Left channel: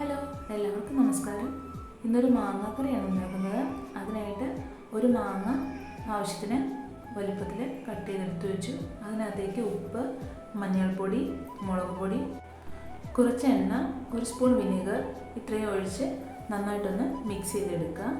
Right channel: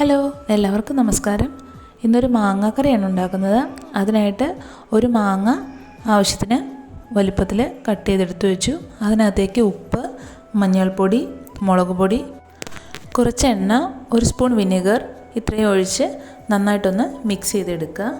Hello, എല്ലാവർക്കും നമസ്കാരം. ഇന്നൊരു മാങ്ങാക്കറിയാണ് ഉണ്ടാക്കുന്നത്. അതിനായിട്ട് ഒരു മാങ്ങ ആവശ്യത്തിന് വലിപ്പത്തിൽ കട്ട് ചെയ്തെടുത്ത് വെച്ചു. അതിനകത്തേക്ക് ഉപ്പ്, മഞ്ഞൾപ്പൊടി, മുളക് പൊടി, കുറച്ച് എണ്ണ, ഒരു സ്പൂൺ വിനെഗർ ഇത്രയും ഒഴിച്ച് നന്നായിട്ടൊന്ന് മിക്സ് ചെയ്തെടുക്കുക.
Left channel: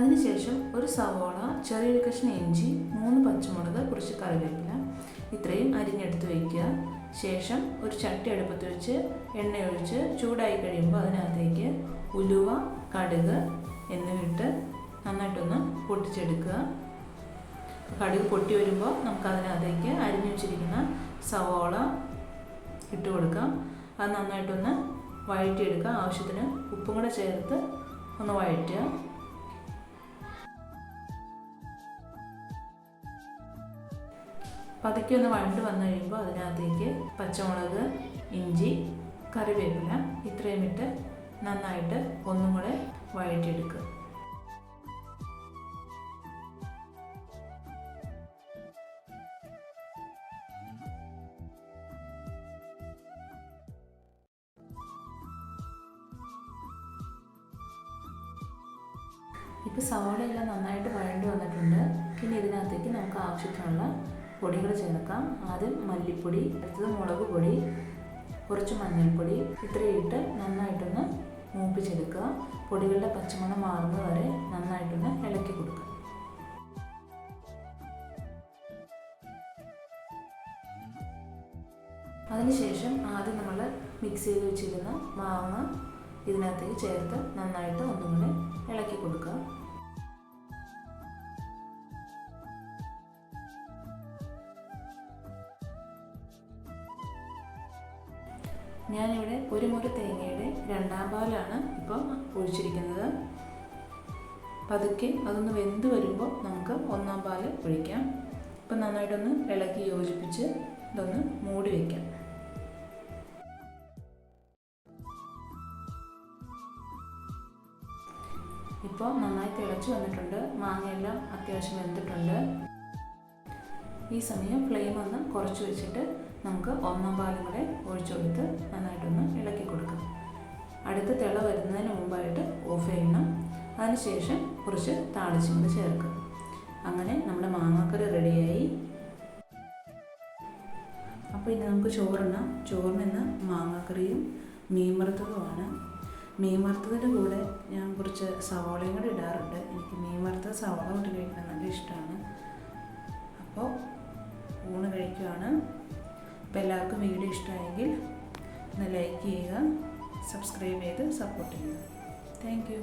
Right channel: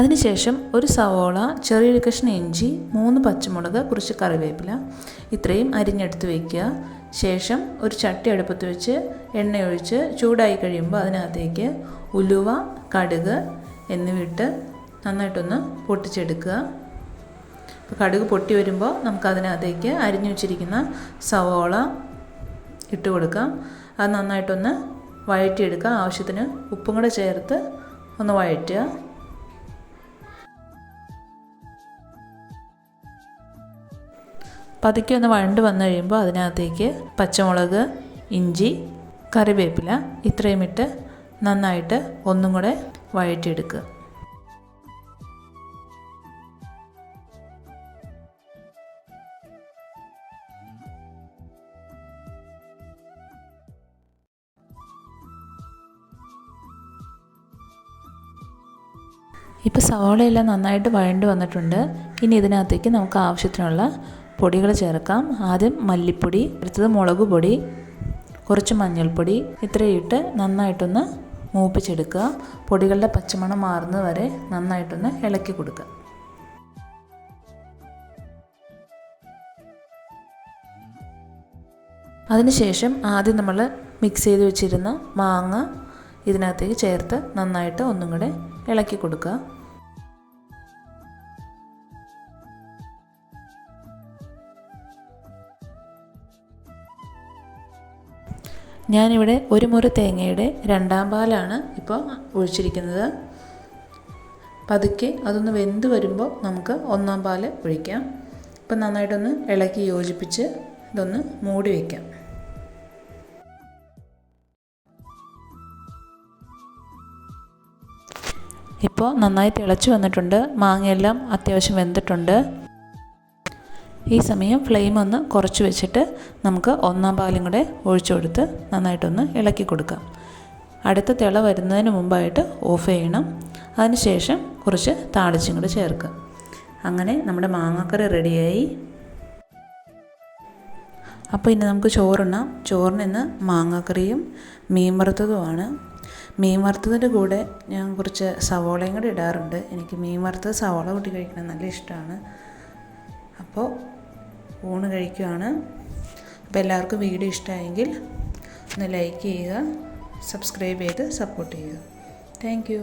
അതിനുശേഷം ഒരു സവോള, ചെറിയൊരു കഷ്ണം ഇഞ്ചി, 3 പച്ചമുളക്, കുറച്ച് കറിവേപ്പില ഇത്രയും അരിഞ്ഞെടുത്ത് വയ്ക്കുക. ശേഷം ഒരു ചട്ടി അടുപ്പത്ത് വെച്ച് എണ്ണയൊഴിച്ച് ചൂടായി കഴിയുമ്പോൾ അതിനകത്തേക്ക് ഉലുവ, കടുക് എന്നിവയിട്ട് നന്നായിട്ടൊന്ന് പൊട്ടിച്ചെടുക്കുക. കടുക് പൊട്ടി വരുമ്പോൾ നമുക്കതിനകത്തേക്ക് അരിഞ്ഞു വെച്ചിരിക്കുന്ന സവോള ഇട്ട് കൊടുക്കാം. അത് നന്നായിട്ടൊന്ന് വഴറ്റിയെടുക്കുക. ആവശ്യത്തിന് ഉപ്പും കൂടെ ചേർത്ത് ഒന്ന് വഴറ്റുക. പതുക്കെ ഒന്ന് വഴണ്ട് വന്നു കഴിയുമ്പോൾ അതിനകത്തേക്ക് പച്ചമുളക്, ഇഞ്ചി, കറിവേപ്പില ഇത്രയും ഇട്ട് നന്നായിട്ട് ഒന്നും കൂടെ വഴറ്റിയെടുക്കുക. ഇപ്പോൾ സവാളയെല്ലാം നന്നായിട്ട് വഴണ്ട് വന്നിട്ടുണ്ട്. ഇനി ഇതിനകത്തേക്ക് നമുക്ക് ആവശ്യത്തിനുള്ള പൊടികൾ ചേർക്കാം. ആദ്യം മല്ലിപ്പൊടി, അടുത്തത് മുളക് പൊടി, കുറച്ച് മഞ്ഞൾപ്പൊടി ഇത്രയും ഇട്ട് നന്നായിട്ടൊന്ന് മൂപ്പിച്ചെടുക്കുക. പൊടികളുടെ പച്ചമണം മാറുന്നത് വരെ നന്നായിട്ടൊന്ന് ഇളക്കി കൊടുക്കുക. അതിനുശേഷം ആദ്യം നമ്മൾ മിക്സ് ചെയ്ത് വെച്ചിരുന്ന മാങ്ങ ഇതിനകത്തേക്ക് ചേർത്ത് നന്നായിട്ട് ഒന്നും കൂടെ ഇളക്കി കൊടുക്കുക. ഞാനിവിടെ ഒരു മുറി തേങ്ങയുടെ 2ാം പാലാണ് ഇപ്പോൾ ഒഴിച്ചിരിക്കുന്നത്. പതുക്കെ അതൊന്ന് വെന്ത് വരുമ്പോൾ നമുക്ക് 1ാം പാൽ ഒഴിക്കാം. ഇപ്പം നന്നായിട്ടൊന്ന് ഇളക്കി യോജിപ്പിച്ച് ഇതൊന്ന് മൂടി വയ്ക്കാം. ഇപ്പോൾ നന്നായി തിളച്ച് വന്നിട്ടുണ്ട്. മാങ്ങയെല്ലാം അത്യാവശ്യം വെന്തിട്ടുണ്ട്. ഈ സമയം ഫ്ലെയിം ഒന്ന് കുറച്ച് വെച്ചിട്ട് നമുക്ക് 1ാം പാലും കൂടെ ഒഴിച്ചു കൊടുത്ത് നന്നായിട്ടൊന്ന് ഇളക്കി കൊടുക്കാം. അടുത്ത തിള വരുന്നതിന് മുമ്പായിട്ട് ഓഫ് ചെയ്യണം. അതിനുശേഷം കുറച്ച് താളിച്ചും കൂടെ ചേർക്കുക. അങ്ങനെ നമ്മുടെ മാങ്ങാക്കറി റെഡിയായി. അപ്പോൾ ഇനി നമുക്ക് ചോറുണ്ണാം. ചോറിന് ഇന്ന് മാങ്ങാക്കറിയും മീൻ വറുത്തതുമാണ്. മീൻ വറുത്തതിൻ്റെ കൂടെ ഞാൻ കുറച്ച് സവോളയും കൂടെ ഇടാറുണ്ട്. എനിക്ക് മീൻ വറുത്തത് സവോള കൂട്ടി കഴിക്കാൻ നല്ല ഇഷ്ടമാണ്. അപ്പോൾ ഊണ് കഴിക്കുകയാണ്. അപ്പോൾ എല്ലാവർക്കും വീഡിയോ ഇഷ്ടമായെങ്കിൽ ഒന്ന് ലൈക്ക് ചെയ്യുക, സബ്സ്ക്രൈബ് ചെയ്ത് സപ്പോർട്ട് ചെയ്യുക. Thank you.